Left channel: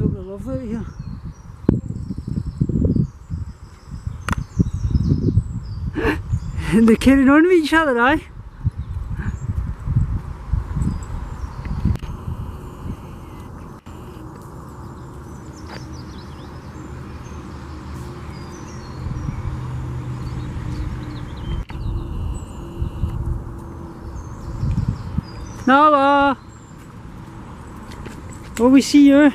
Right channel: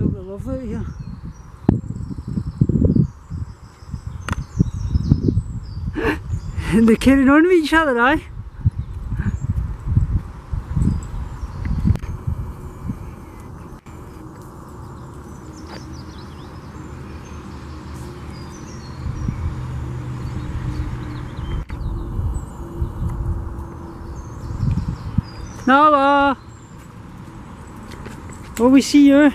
absolutely lovely out here. And they're carrying on with each other, aye? Nala! Oh, we see you.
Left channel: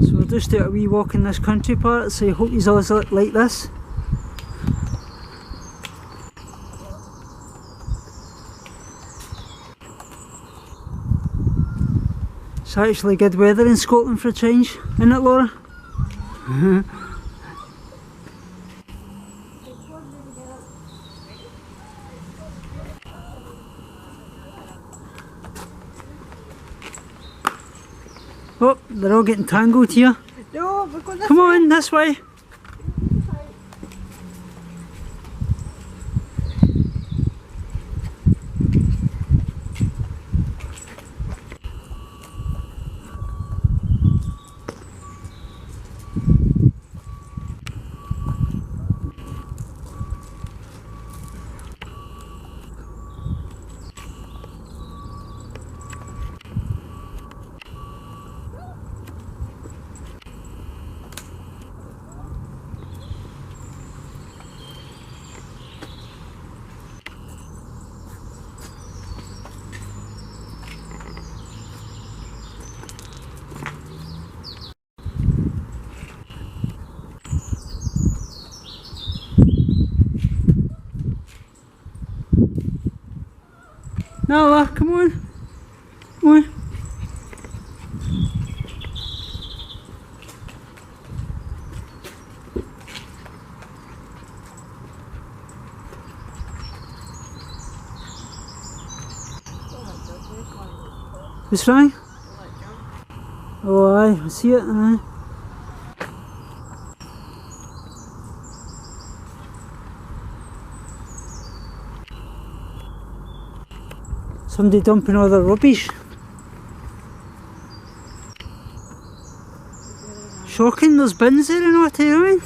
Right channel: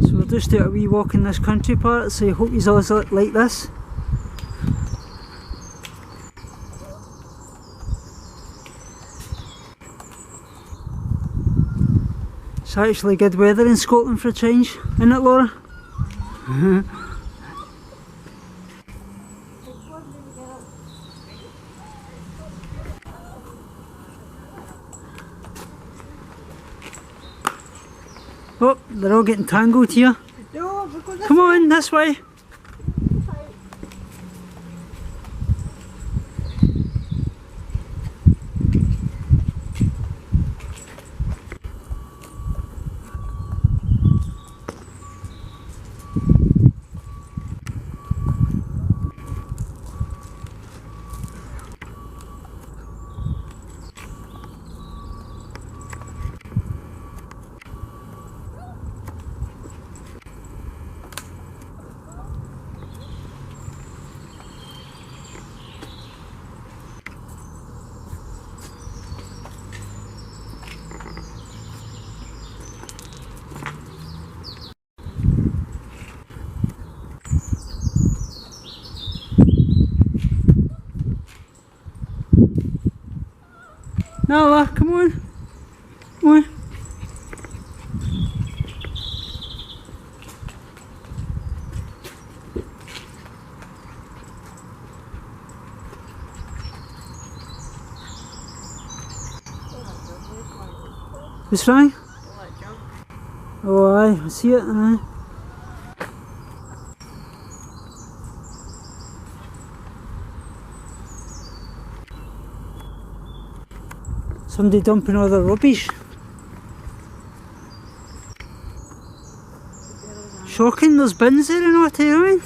So we'll just do a wee walk in this country part, so I hope you always like this. It's actually good weather in Scotland for a change, isn't it, Laura? Oh, they're all getting tangled here. No, we're going this Come way. on, this way. Nala, come on. Come on. What's wrong? Oh aye, I see it, aye. Somebody dumping all their rubbish. Shocking, there's bins there and all, you know what I mean?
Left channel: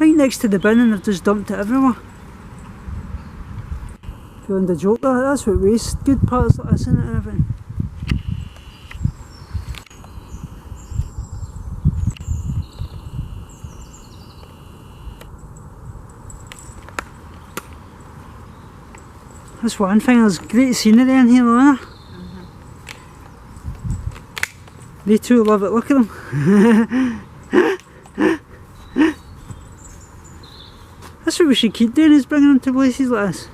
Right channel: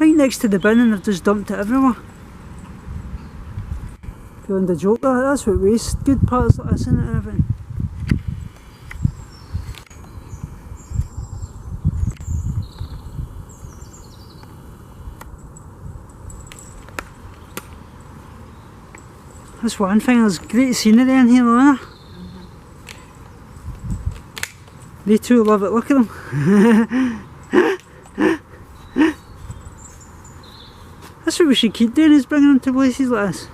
Right next to the bin, and they've just dumped it everywhere. Beyond a joke, that's what waste good parts like this in it and everything. That's one thing, there's great scenery in here, Lana. They too love it, look at them. That's what we should keep doing, is bringing them to places like this.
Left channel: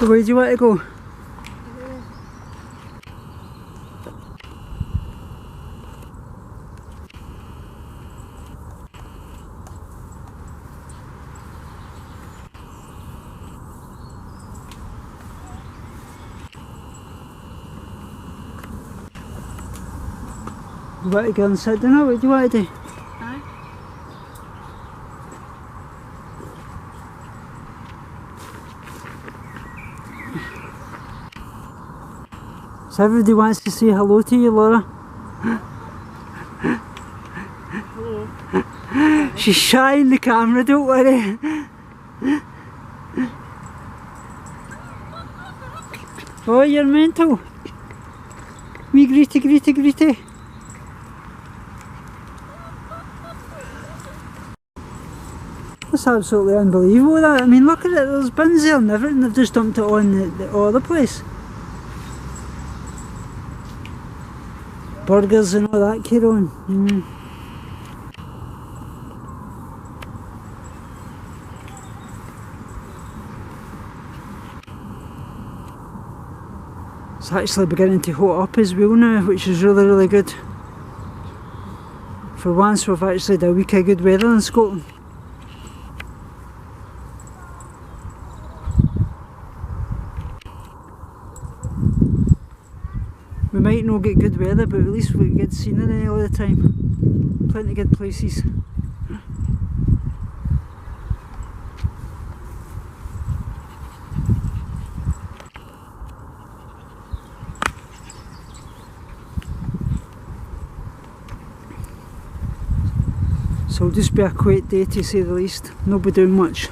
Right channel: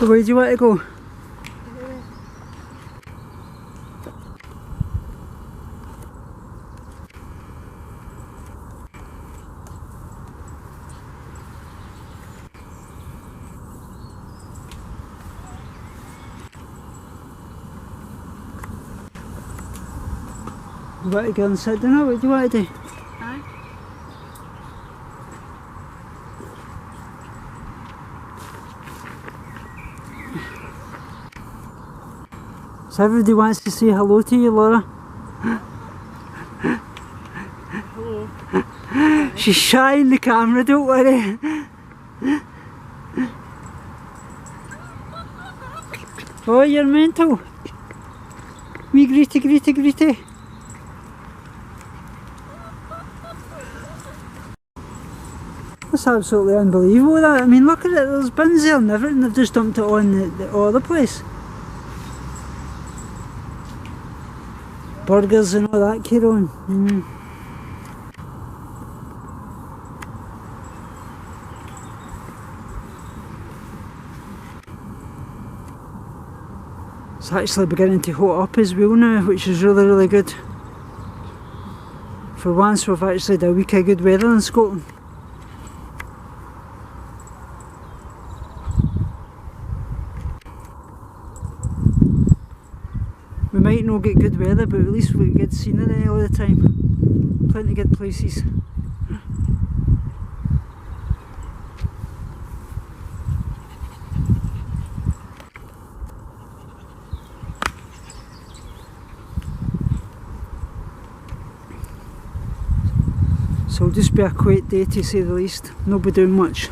So where do you want to go? You want to go and sit down? What do you want to do? Aye. So everybody wants to say hello to you, Laura. Hello. She's shy in the camera, don't worry. Oh, you're mental. Wee greetie, greetie, greetie. That's absolutely unbelievable, that. I mean, look at it, there's bins there and everything, they've just dumped it on the other place. Burgers and all that carry on. It's actually beginning to hot up as well now, which is really, really good. For once we've actually had a week of good weather in Scotland. We might not get good weather, but at least we get good scenery all the time. Plenty of good places. So it'll just be a quiet day to say the least. Not be doing much.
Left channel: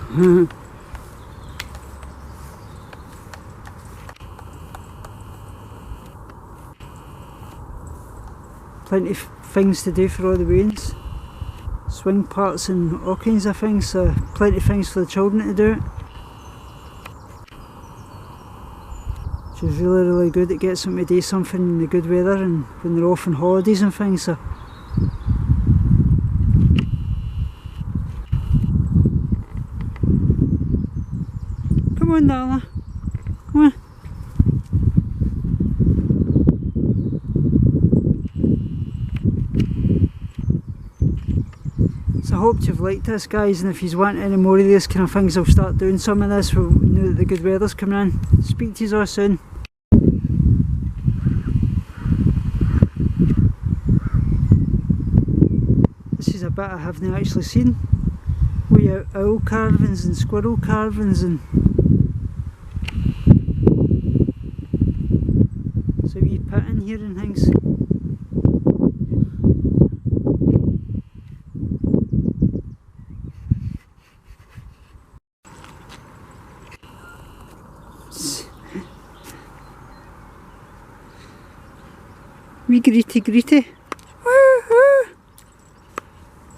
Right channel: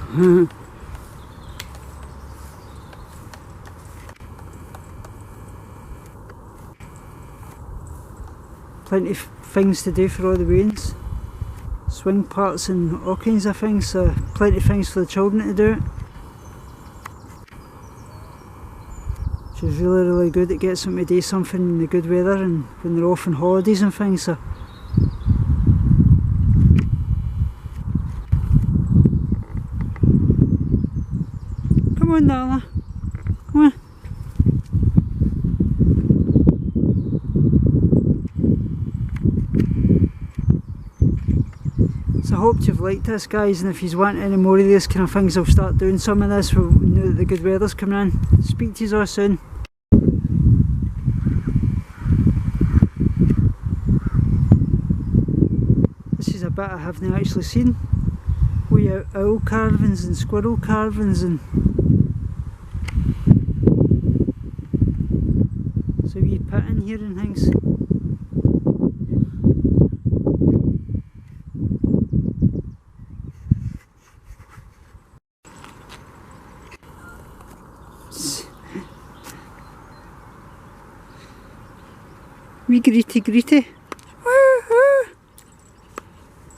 Plenty of things to do for all the weans. Swing parts and all kinds of things, so plenty of things for the children to do. Which is really good. It gets them to do something in the good weather and when they're off on holidays and things. So. Come on, Darla. Come on. So I hope you've liked this, guys, and if you want any more of these kind of things, I'll start doing some of this now that the good weather's coming in. Speak to you all soon. This is a bit I haven't actually seen. We have owl carvings and squirrel carvings and so wee pit in here and things. Wee greety. Woohoo!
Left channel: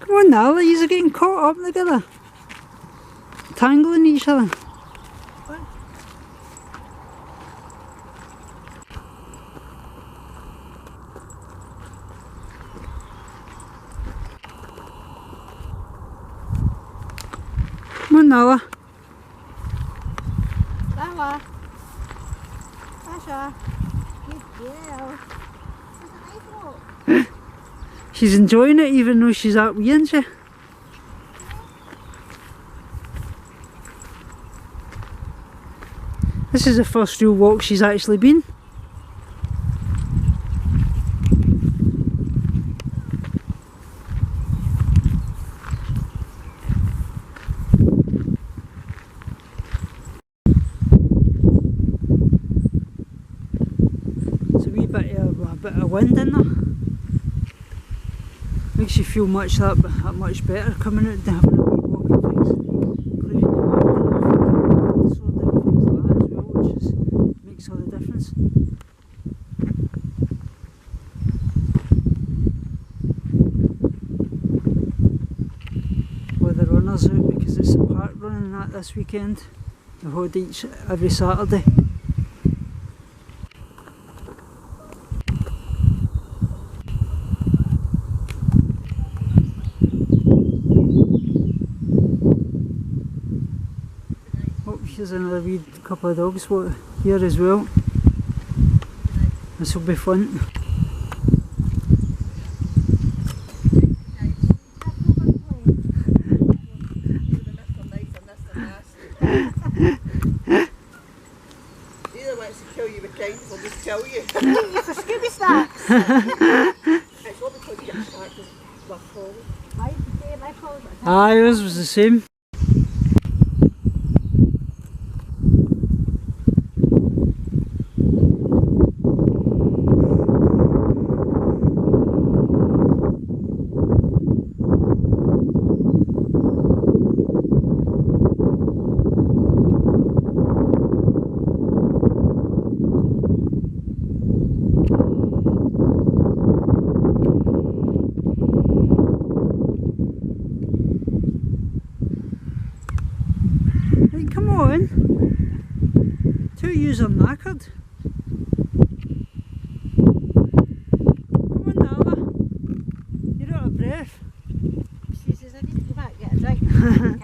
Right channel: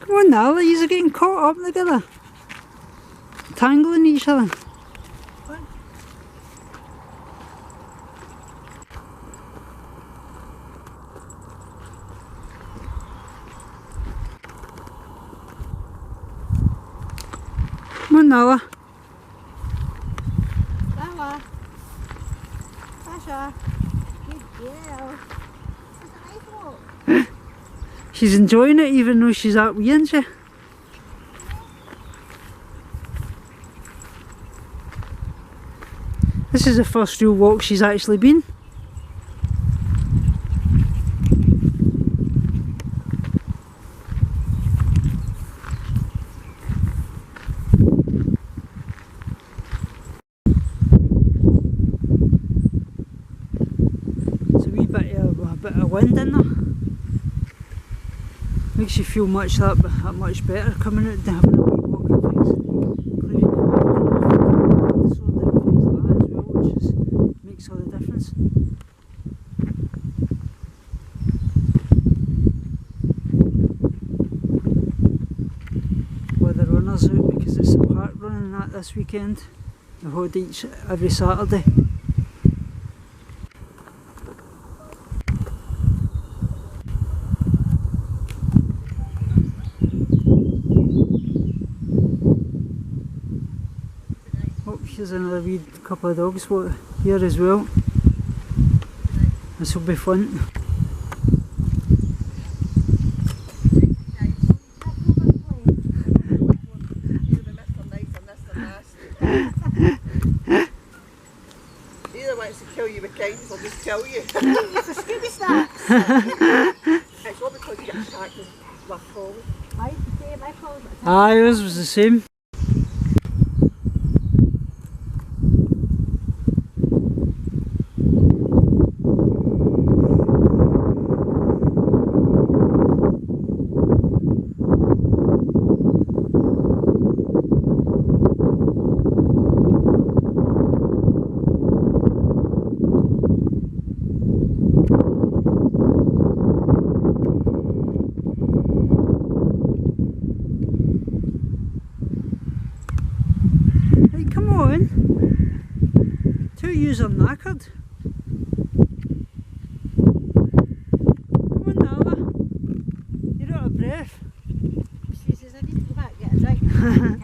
Come on now, you're getting caught up together. Tangling each other. Come on, Nala. Nala. Sasha. Good girl. She's enjoying it even though she's out wee, isn't she? This is the first real walk she's actually been. It's a wee bit of wind in there. Makes you feel that much better coming out and having a wee walk and things, clearing your mind and disorder and things like that as well, which makes all the difference. With the runners out because it's a park running that this weekend. They hold every Saturday. Oh, here's another wee couple of dogs here as well. This will be fun. Either wants to kill you with kindness or just kill you. For Scooby Snacks. It's what because you get attacked with collie. My collie got attacked. Ah, yours was the same. Right, come on. Two of yous are knackered. Come on, Nala. You're out of breath. She says, I need to go back and get a drink.